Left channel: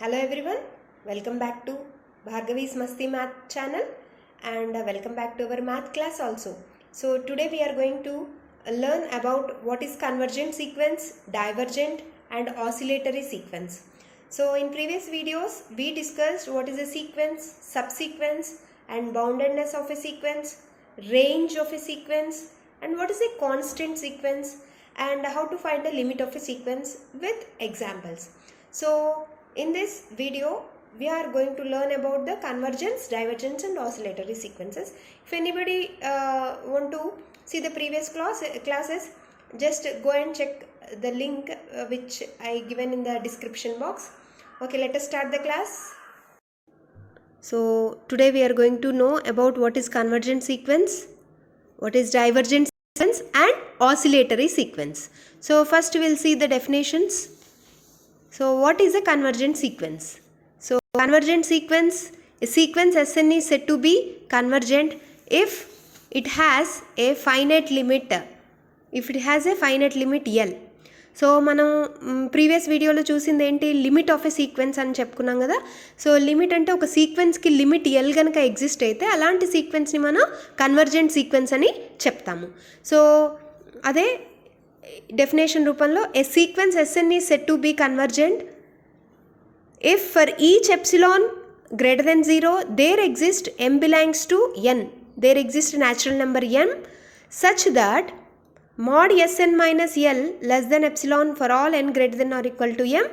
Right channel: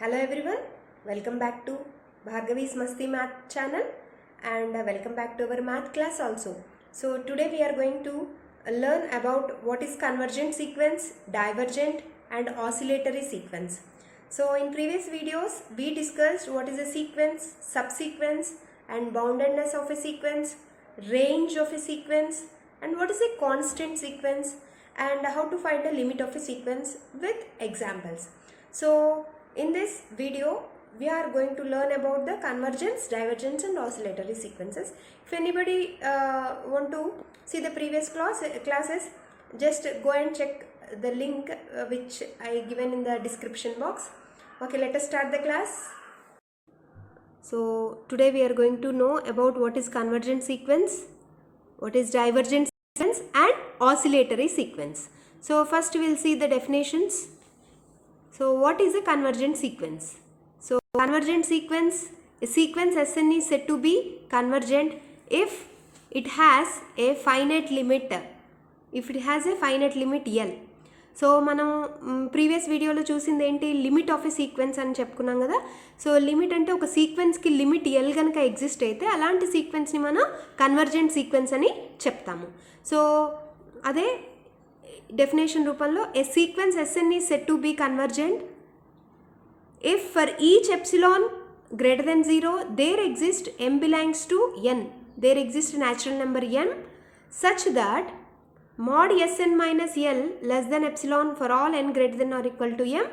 Hello everyone, welcome back to Bhargavi's Masti Math channel and welcome back to our math class also. So today we are going to learn about what is convergent sequence, divergent and oscillatory sequence. So in previous videos we discussed what is a sequence, subsequence and boundedness of a sequence, range of a sequence and what is a constant sequence and how to find the limit of a sequence with examples. So in this video we are going to learn about the convergence, divergence and oscillatory sequences. If anybody want to see the previous classes, just go and check the link which I given in the description box. Okay, let us start the class. So today we are going to know about what is convergent sequence, what is divergent sequence and oscillatory sequence. So first we will see the definitions. So what is a convergent sequence? So convergent sequence, a sequence Sn is said to be convergent if it has a finite limit, L. So మనం previous వీడియోలో చూసింది ఏంటి, limit of a sequence అని చెప్పుకున్నాం కదా. So limit అంటే ఒక సీక్వెన్స్కి limit L కనుక ఎగ్జిస్ట్ అయితే అలాంటి సీక్వెన్స్ని మనం కన్వర్జెంట్ సీక్వెన్స్ అని చెప్తాము. సో అదే డెఫినేషన్ రూపంలో ఏ sequence Sn is said to be convergent if for each epsilon greater than 0 there exists m belongs to n, there exists a natural number m such that mod Sn minus L less than epsilon for all n greater than or equal to m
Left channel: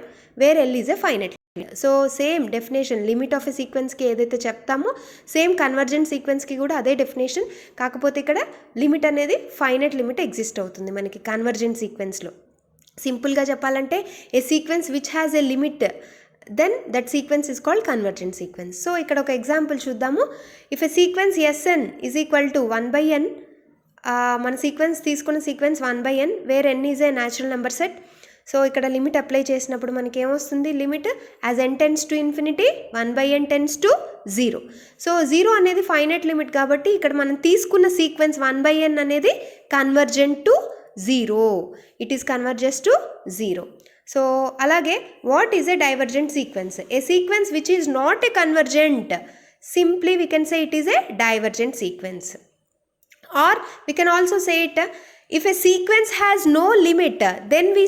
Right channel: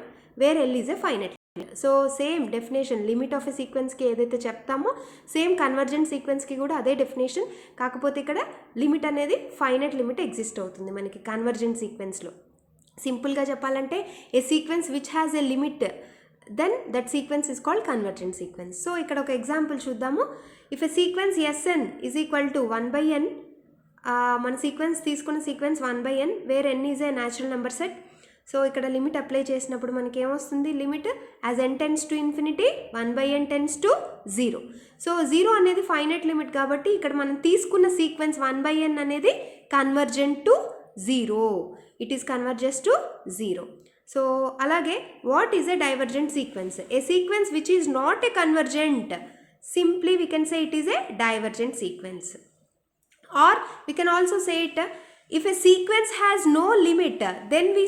where L is a finite. So same definition limit of a సీక్వెన్స్కి ఏదైతే చెప్తామో same convergent సీక్వెన్స్కి కూడా అదే definition, కాకపోతే ఇక్కడ limit అనేది finite limit exist అవుతుంది మనకి కన్వర్జెంట్ సీక్వెన్స్లో. సింపుల్గా చెప్పాలంటే a sequence which has a limit then that sequence is called convergent sequence. So ఇక్కడ ఒక ఎగ్జాంపుల్ చూద్దాము. If a sequence Sn is equal to 1/n, మన సీక్వెన్స్ తీసుకున్న sequence 1/n where n is a natural number set. So ఇక్కడ limit apply చేసినప్పుడు మనకి ఏమొస్తుంది, limit as n tends to infinity 1/n tends to 0. So 0 అనేది finite limit కాబట్టి ఇక్కడ మనం తీసుకున్న సీక్వెన్స్ 1/n అనేది convergent to 0, it is converges to 0. So అలాగే what is a divergent sequence? A sequence which is not a convergent, simply we can say it is a divergent sequence. Or we can also say it, if a sequence has no limit, then we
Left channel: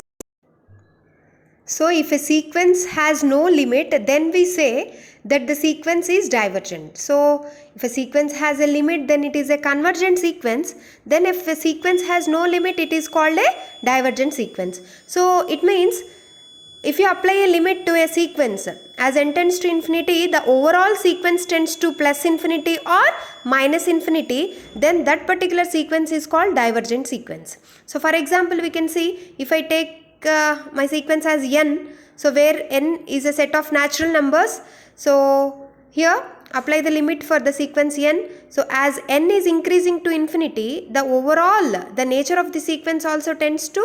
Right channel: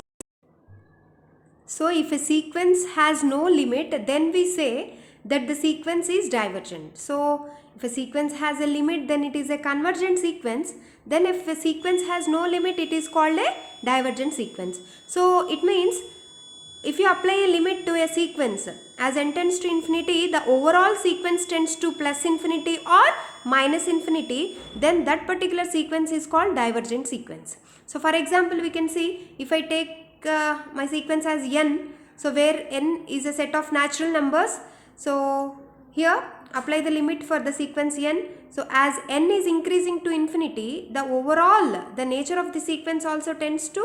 if a sequence has no limit, then we say that the sequence is divergent. So if a sequence has a limit, then it is a convergent sequence. Then if a sequence has no limit, it is called a divergent sequence. So it means if you apply a limit to a sequence as n tends to infinity, the overall sequence tends to plus infinity or minus infinity, then that particular sequence is called divergent sequence. So for example, we can see if I take my sequence as n, so where n is a set of natural numbers, so here apply the limit for the sequence n. So as n is increasing to infinity, the overall, the nature of the sequence also tends to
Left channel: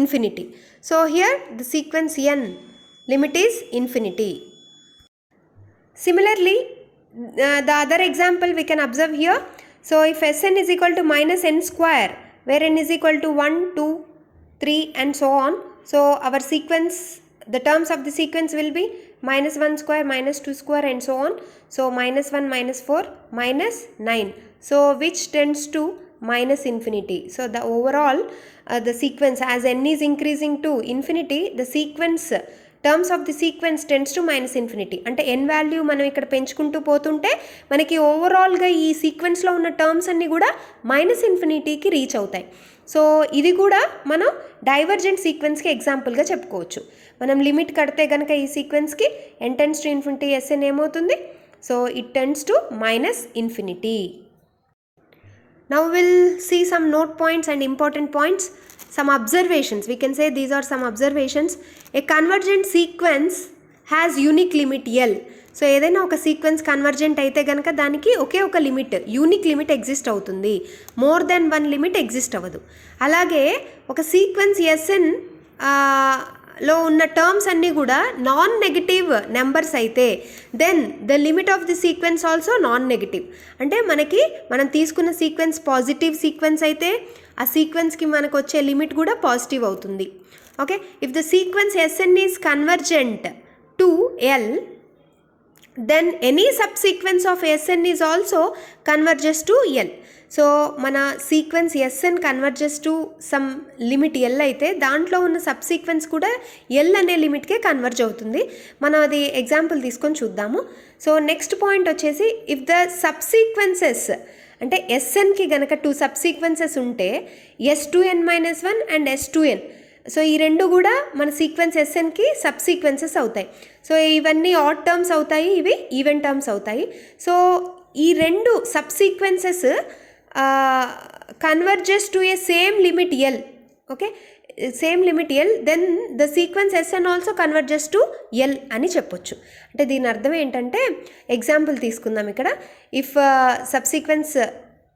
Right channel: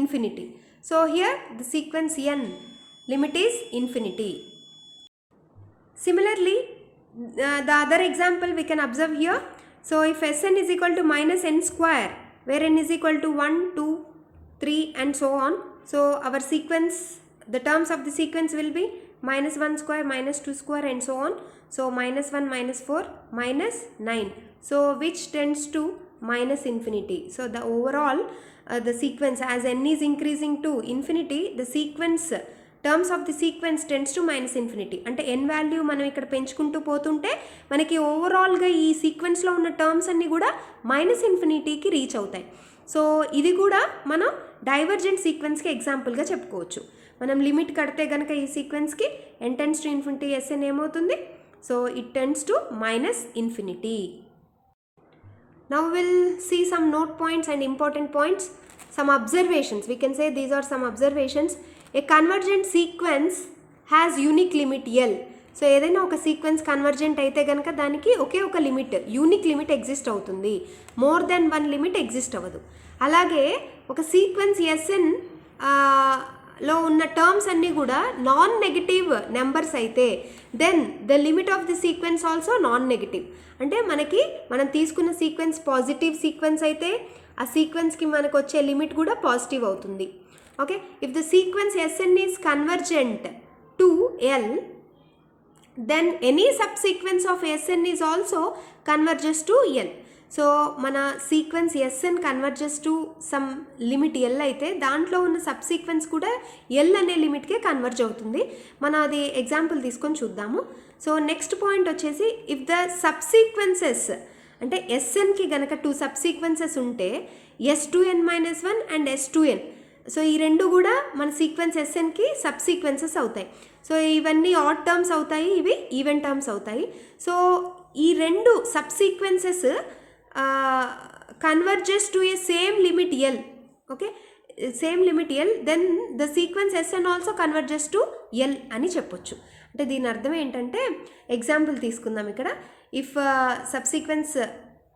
infinity. So here the sequence n limit is infinity. Similarly, the other example we can observe here. So if Sn is equal to minus n square, where n is equal to 1, 2, 3 and so on. So our sequence, the terms of the sequence will be minus 1 square, minus 2 square and so on. So minus 1, minus 4, minus 9. So which tends to minus infinity. So the overall the sequence as n is increasing to infinity, the sequence terms of the sequence tends to minus infinity. అంటే ఎన్ value మనం ఇక్కడ పెంచుకుంటూ పోతుంటే మనకి ఓవరాల్గా ఈ సీక్వెన్స్లో ఉన్న terms అన్నీ కూడా మైనస్ ఇన్ఫినిటీకి రీచ్ అవుతాయి. సో ఇది కూడా మనం డైవర్జెంట్ సీక్వెన్స్కి ఎగ్జాంపుల్గా చెప్పుకోవచ్చు. మనం లిమిట్ కడితే కనుక ఈ సీక్వెన్స్కి n tends to infinity Sn ఏమవుతుంది, so it tends to minus infinity. Now we'll see some note points and important points, some observations. We can say these are some observations. A convergent sequence has unique limit L. So ఏదైనా ఒక sequence convergent అయితే కనుక దానికి ఒకే ఒక limit, unique limit exist అవుతుంది, more than one limit exist అవ్వదు. అలాగే ఒక సీక్వెన్స్ Sn లో ఉన్న టర్మ్స్ అన్నీ కూడా నాన్ నెగటివ్ నెంబర్స్ అయితే then the limit of the sequence also non negative. అంటే మనం తీసుకున్న సీక్వెన్స్ పాజిటివ్ సీక్వెన్స్ అయితే ఆ సీక్వెన్స్కి మనకు వచ్చే లిమిట్ కూడా పాజిటివ్ అవుతుంది. Okay, if the sequence Sn is convergent to L, then any subsequence of Sn is also converges to L. So మన sequence Sn converges to some limit L అయితే దాంట్లో ఉన్న సబ్సీక్వెన్స్ కూడా L అనే లిమిట్కే కన్వర్జ్ అవుతుంది. మనం అది ఎగ్జాంపుల్ తీసుకొని చూద్దాము. సో నెక్స్ట్ పాయింట్ వచ్చేసి, ఇఫ్ ద సబ్సీక్వెన్సెస్ అంటే Snకి గనక 2 సబ్సీక్వెన్సెస్ ఉంటే S2n-1 అండ్ S2n, సో ఈ రెండు కూడా మన సీక్వెన్స్ Snకి సబ్సీక్వెన్సెస్ అవుతాయి. సో ఇవన్నీ ఆడ్ టర్మ్స్ అవుతాయి, ఇవి ఈవెన్ టర్మ్స్ అవుతాయి. సో ఈ రెండు సబ్సీక్వెన్సెస్ converges to a same limit L. Okay, same limit L, then the sequence Sn also converges to L అని చెప్పొచ్చు. అంటే దీని అర్థం ఏంటంటే, ఎగ్జాంపుల్ తీసుకుందాం ఇక్కడ. If subsequence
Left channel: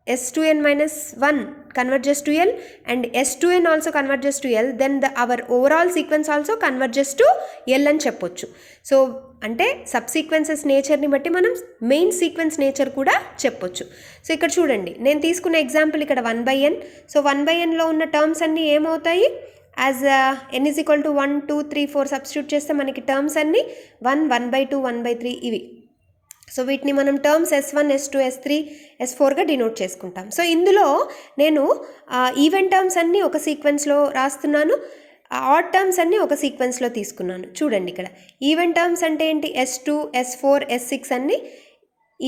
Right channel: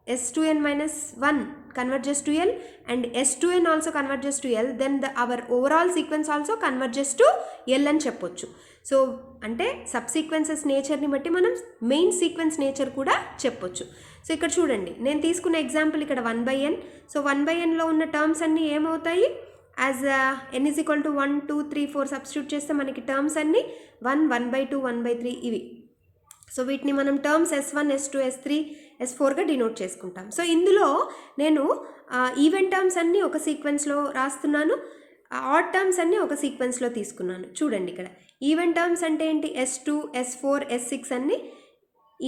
S2n-1 converges to L and S2n also converges to L, then our overall sequence also converges to L అని చెప్పొచ్చు. సో అంటే సబ్సీక్వెన్సెస్ నేచర్ని బట్టి మనం మెయిన్ సీక్వెన్స్ నేచర్ కూడా చెప్పొచ్చు. సో ఇక్కడ చూడండి, నేను తీసుకున్న ఎగ్జాంపుల్ ఇక్కడ 1/n. సో 1/nలో ఉన్న టర్మ్స్ అన్నీ ఏమవుతాయి, as n is equal to 1, 2, 3, 4 substitute చేస్తే మనకి టర్మ్స్ అన్నీ 1, 1/2, 1/3 ఇవి. సో వీటిని మనం టర్మ్స్ S1, S2, S3, S4గా డినోట్ చేసుకుంటాం. సో ఇందులో నేను ఈవెన్ టర్మ్స్ అన్నీ ఒక సీక్వెన్స్లో రాస్తున్నాను, ఆడ్ టర్మ్స్ అన్నీ ఒక సీక్వెన్స్లో తీసుకున్నాను. చూడండి ఇక్కడ ఈవెన్ టర్మ్స్ అంటే ఏంటి, S2, S4, S6 అన్నీ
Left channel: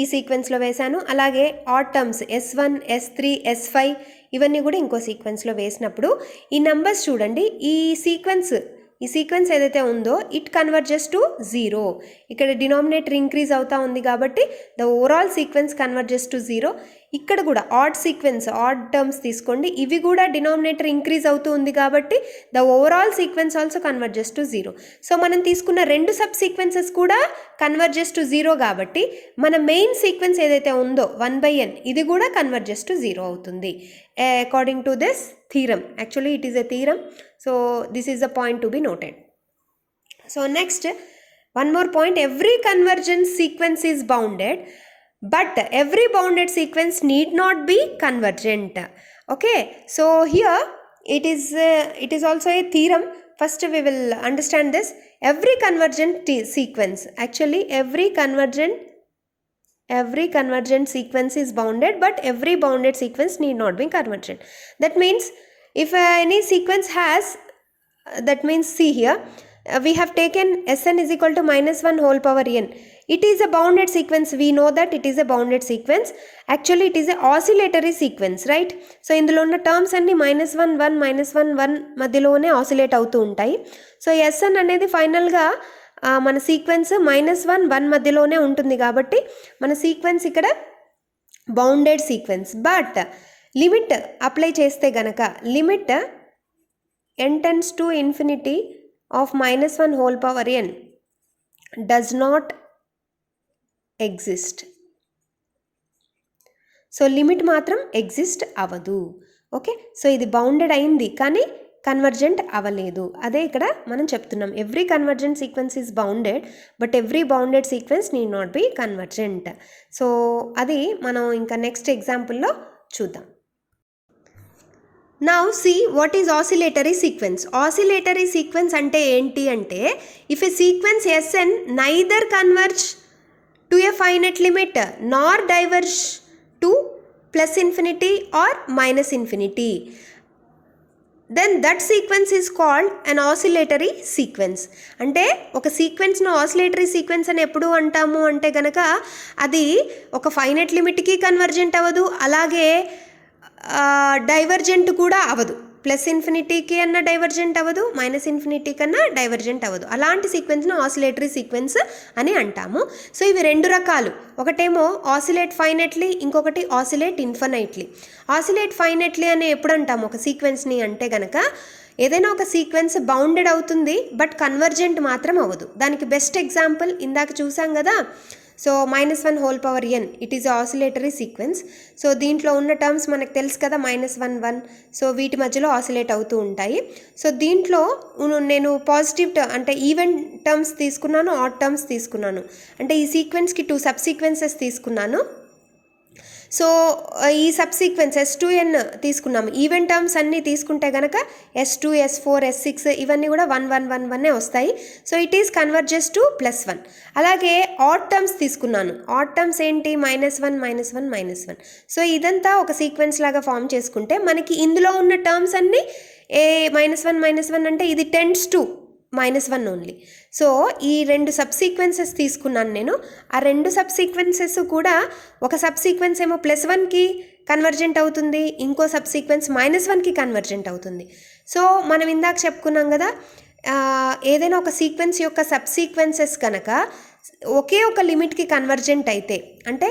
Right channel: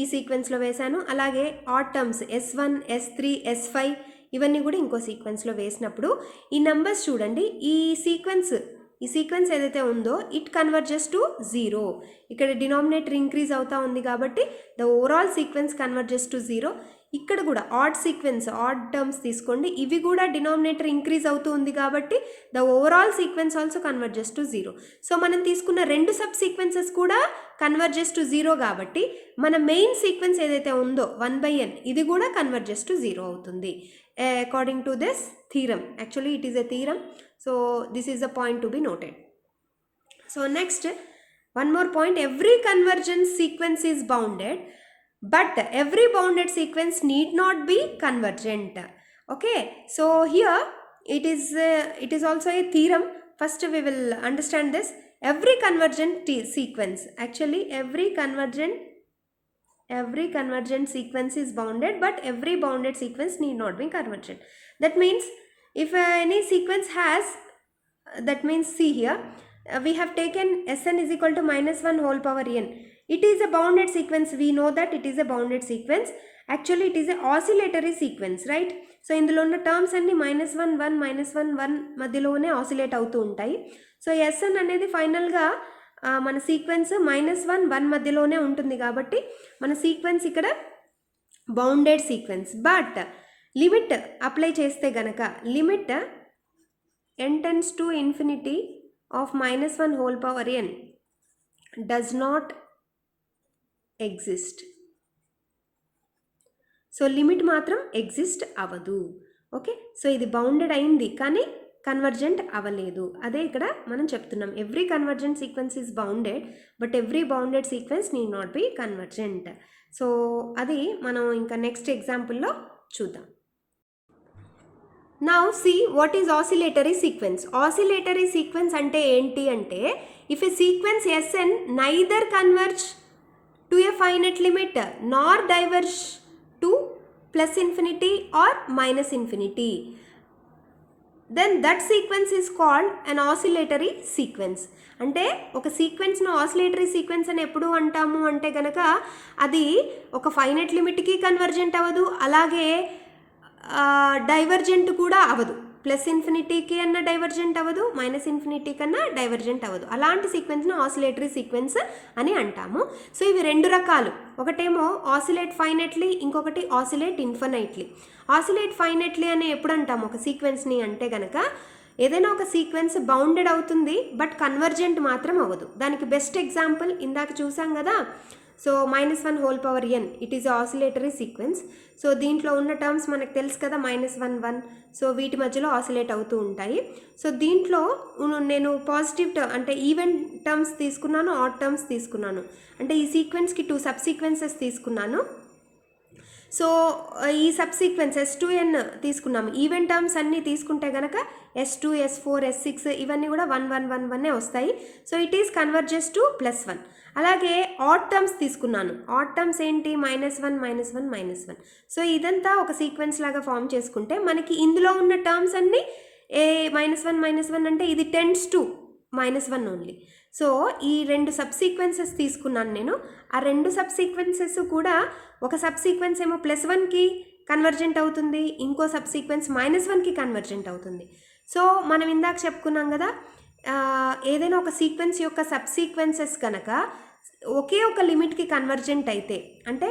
ఈ సీక్వెన్స్లో వేశాను. అలాగే add terms S1, S3, S5 ఇవన్నీ కూడా ఇంకో సీక్వెన్స్లో వేసినప్పుడు ఈ నెంబర్స్ చూడండి, ఈ సీక్వెన్స్ ఏదైతే ఉందో ఇట్ కన్వర్జెస్ టు 0. ఇక్కడ డినామినేటర్ ఇంక్రీజ్ అవుతా ఉంది కాబట్టి the overall sequence converges to 0. ఇక్కడ కూడా ఆడ్ టర్మ్స్ తీసుకోండి, ఇవి కూడా డినామినేటర్ ఇంక్రీజ్ అవుతూ ఉంది కాబట్టి the overall sequence also converges to 0. So మనం తీసుకున్న రెండు సబ్ సీక్వెన్సెస్ కూడా కన్వర్జెస్ టు 0 కాబట్టి మన మెయిన్ సీక్వెన్స్ ఏదైతే ఉందో 1/n ఇది కూడా కన్వర్జెస్ టు 0 అవుతుంది, according to this theorem. Actually it is a theorem. So this is the point to be noted. So next, one more point, every convergence sequence is bounded, but every bounded sequence need not be convergent. Okay, so here it is also a theorem. First we will understand this. Every convergent sequence, actually every convergent sequence is bounded, but every bounded sequence need not be convergent. That means if any sequence has, that means see here, we have taken Sn is equal to -1 whole power n. It is a bounded sequence. We know that it is a bounded sequence. Actually it is a oscillatory sequence, right? So ఇందులో ఉన్న terms అన్ని -1, 1, -1, 1 మధ్యలోనే oscillate అవుతూ ఉంటాయి. So Sn అనేది ఫైనల్గా మన sequence -1, 1 మధ్యలోనే ఉంటుంది కాబట్టి మన సీక్వెన్స్ ఇక్కడ bounded sequence. But limit apply చేస్తే గనక, limit n tends to infinity of -1 whole power n does not exist. So limit మాత్రం ఎగ్జిస్ట్ అవ్వదు. ఓకే, సో ఇది బౌండెడ్ అయింది కానీ కన్వర్జెంట్ అవ్వలేదు. అదే ఇక్కడ మనం చెప్తున్నాం, every convergent sequence is bounded but every bounded sequence need not be convergent. So అది మనం ఇంకా నెక్స్ట్ ఎగ్జాంపుల్లో చూద్దాం. Now see what is oscillatory sequence. Oscillatory sequence ante enti ante, if a sequence Sn neither converge to a finite limit nor diverge to plus infinity or minus infinity, then that sequence is called an oscillatory sequence. అంటే ఒక సీక్వెన్స్ను oscillatory sequence అని ఎప్పుడు అంటాము అంటే కనుక అది ఒక finite లిమిట్కి convergent అవ్వదు, అలాగే డైవర్జెంట్ కూడా అవ్వదు. ప్లస్ ఇన్ఫినిటీకి అన్న డైవర్జెంట్ అవ్వదు, మైనస్ ఇన్ఫినిటీ కన్నా డైవర్జెంట్ అవ్వదు. అలాంటి సీక్వెన్స్ను ఆసిలేటరీ సీక్వెన్స్ అని అంటాము. సో ఇవి రెండు రకాలు, ఒకటేమో ఆసిలేట్ ఫైనైట్లీ, ఇంకొకటి ఆసిలేట్ ఇన్ఫినైట్లీ. ఆసిలేట్ ఫైనైట్లీ అని ఎప్పుడు అంటాము ఒక సీక్వెన్స్ని అంటే కనుక, ఏదైనా ఒక సీక్వెన్స్ బౌండెడ్ అవుతుంది బట్ కన్వర్జెంట్ మాత్రం అవ్వదు. దానికి బెస్ట్ ఎగ్జాంపుల్ ఇందాక చూసాం కదా, so -1 whole power n, it is oscillatory sequence. So దీంట్లో ఉన్న టర్మ్స్ మనకు తెలుసు కదా, -1, 1, సో వీటి మధ్యలో ఆసిలేట్ అవుతూ ఉంటాయి. సో దీంట్లో నేను పాజిటివ్ అంటే ఈవెన్ టర్మ్స్ తీసుకున్నాను, ఆడ్ టర్మ్స్ తీసుకున్నాను. అంటే ఈ సీక్వెన్స్కి 2 సబ్ సీక్వెన్సెస్ తీసుకున్నాను. సో ఈ సబ్సీక్వెన్స్ S2n తీసుకున్నాము. ఈవెన్ టర్మ్స్ అన్నీ తీసుకుంటే కనుక S2, S4, S6 ఇవన్నీ కూడా 1 1 1 1 వస్తాయి. So it is converges to +1. అలాగే ఆడ్ టర్మ్స్ తీసుకున్నాను. ఆడ్ టర్మ్స్ ఏంటి? -1 -1 -1. సో ఇదంతా ఒక సీక్వెన్స్ లాగా ఫామ్ చేసుకుంటే మనకి ఇందులో ఉన్న టర్మ్స్ అన్నీ -1 -1 అంటే ఇది టెండ్స్ టు -1 ఓన్లీ. సో ఈ 2 సబ్సీక్వెన్సెస్ తీసుకున్నాను నేను. ఆ 2 సబ్సీక్వెన్సెస్ కూడా ఒక సబ్సీక్వెన్స్ ఏమో +1కి కన్వర్జెంట్ అవుతుంది, ఇంకో సబ్సీక్వెన్స్ -1కి కన్వర్జెంట్ అవుతుంది. సో మనం ఇందాక చెప్పుకున్నాం కదా, ఏదైనా ఒక సీక్వెన్స్ యొక్క సబ్సీక్వెన్సెస్ కనుక ఒకే ఒక లిమిట్కి కన్వర్జెంట్ అయితే, అంటే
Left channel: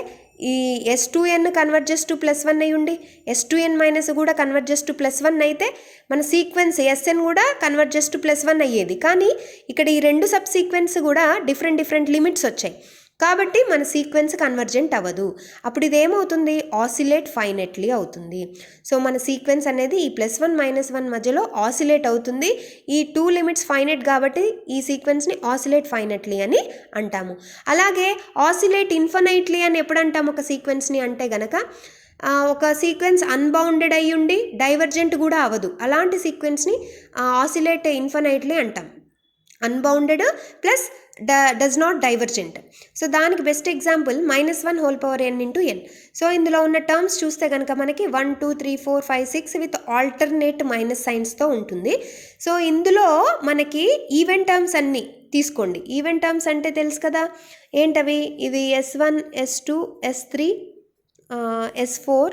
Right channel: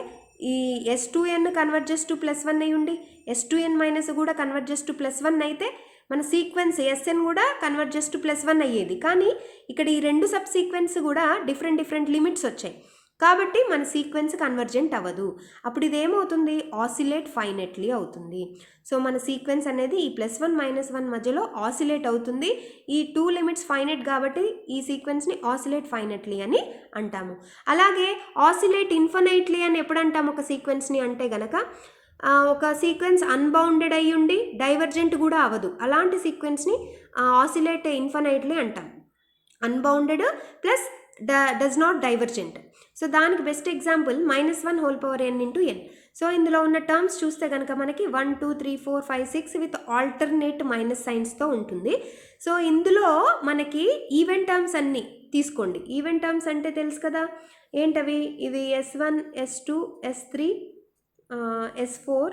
ఈ S2n కన్వర్జెస్ టు +1 అయి ఉండి S2n- కూడా కన్వర్జెస్ టు +1 అయితే మన సీక్వెన్స్ Sn కూడా కన్వర్జెస్ టు +1 అయ్యేది. కానీ ఇక్కడ ఈ 2 సబ్సీక్వెన్స్ కూడా డిఫరెంట్ లిమిట్స్ వచ్చాయి కాబట్టి మన సీక్వెన్స్ కన్వర్జెంట్ అవ్వదు. అప్పుడు ఇదేమవుతుంది? ఆసిలేట్ ఫైనెట్లీ అవుతుంది. సో మన సీక్వెన్స్ అనేది ఈ +1 -1 మధ్యలో ఆసిలేట్ అవుతుంది. ఈ 2 లిమిట్స్ ఫైనెట్ కాబట్టి ఈ సీక్వెన్స్ని ఆసిలేట్ ఫైనెట్లీ అని అంటాము. అలాగే ఆసిలేట్ ఇన్ఫినైట్లీ అని ఎప్పుడు అంటాము ఒక సీక్వెన్స్ని అంటే గనక, ఒక సీక్వెన్స్ అన్బౌండెడ్ అయ్యి ఉండి డైవర్జెంట్ కూడా అవ్వదు, అలాంటి సీక్వెన్స్ని ఆసిలేట్ ఇన్ఫినైట్లీ అంటాం. Unbounded plus does not divergent. So దానికి best example -1n × n. So ఇందులో ఉన్న టర్మ్స్ చూస్తే కనుక మనకి 1 2 3 4 5 6 విత్ ఆల్టర్నేట్ మైనస్ సైన్స్తో ఉంటుంది. సో ఇందులో మనకి ఈవెన్ టర్మ్స్ అన్నీ తీసుకోండి. ఈవెన్ టర్మ్స్ అంటే తెలుసు కదా ఏంటవి? ఇవి S1, S2, S3, S4,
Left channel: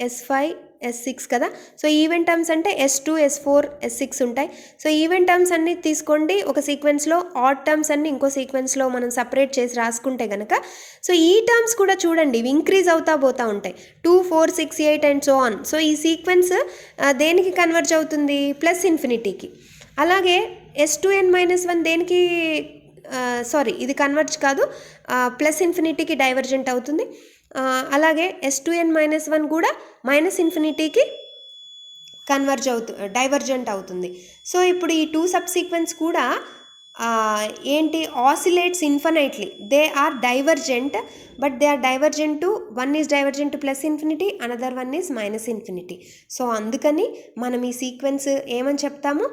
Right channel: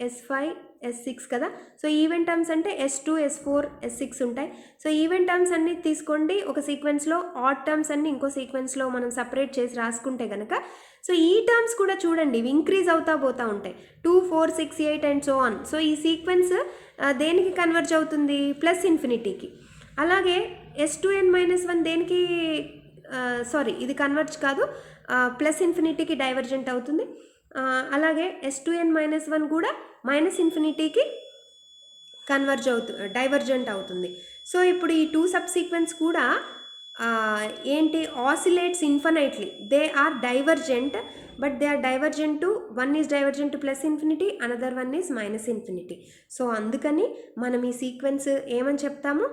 S5, S6 కదా. సో ఈవెన్ టర్మ్స్ అంటే S2, S4, S6 ఉంటాయి. సో ఈవెన్ టర్మ్స్ అన్నీ తీసుకోండి ఒక సీక్వెన్స్లో, ఆడ్ టర్మ్స్ అన్నీ ఇంకో సీక్వెన్స్లో మనం సపరేట్ చేసి రాసుకుంటే కనుక, సో ఈ టర్మ్స్ కూడా చూడండి ఇవి ఇంక్రీజ్ అవుతా పోతూ ఉంటాయి, 2 4 6 8 అండ్ సో ఆన్. సో ఈ సీక్వెన్స్ దేనికి కన్వర్జ్ అవుతుంది? +∞కి. అలాగే S2n-1 దేనికి ఇది కన్వర్జ్ కాదు, +∞కి డైవర్జెంట్ అవుతుంది. అలాగే S2n-1 కూడా -∞కి డైవర్జెంట్ అవుతుంది. సో ఇప్పుడు ఈ 2 సబ్సీక్వెన్స్ కూడా ఏంటి? Oscillates infinitely. They are divergent, but they are divergent to, one is divergent to +∞, another one is -∞. So అందుకని మనం ఈ సీక్వెన్స్ ఏమని చెప్తాము?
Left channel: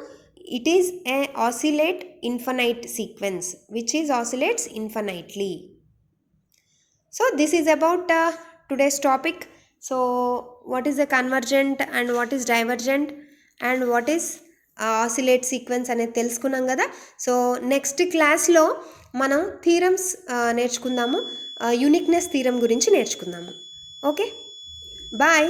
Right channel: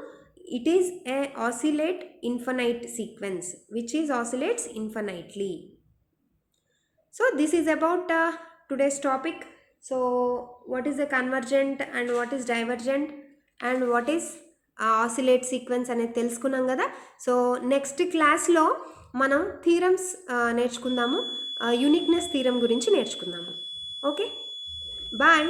It is a oscillate infinite sequence which is oscillates infinitely. So this is about today's topic. So what is a convergent and what is divergent and what is oscillate sequence అనేది తెలుసుకున్నాం కదా. So next క్లాస్లో మనం theorems నేర్చుకుందాము, uniqueness theorem గురించి నేర్చుకుందాము. Okay, bye.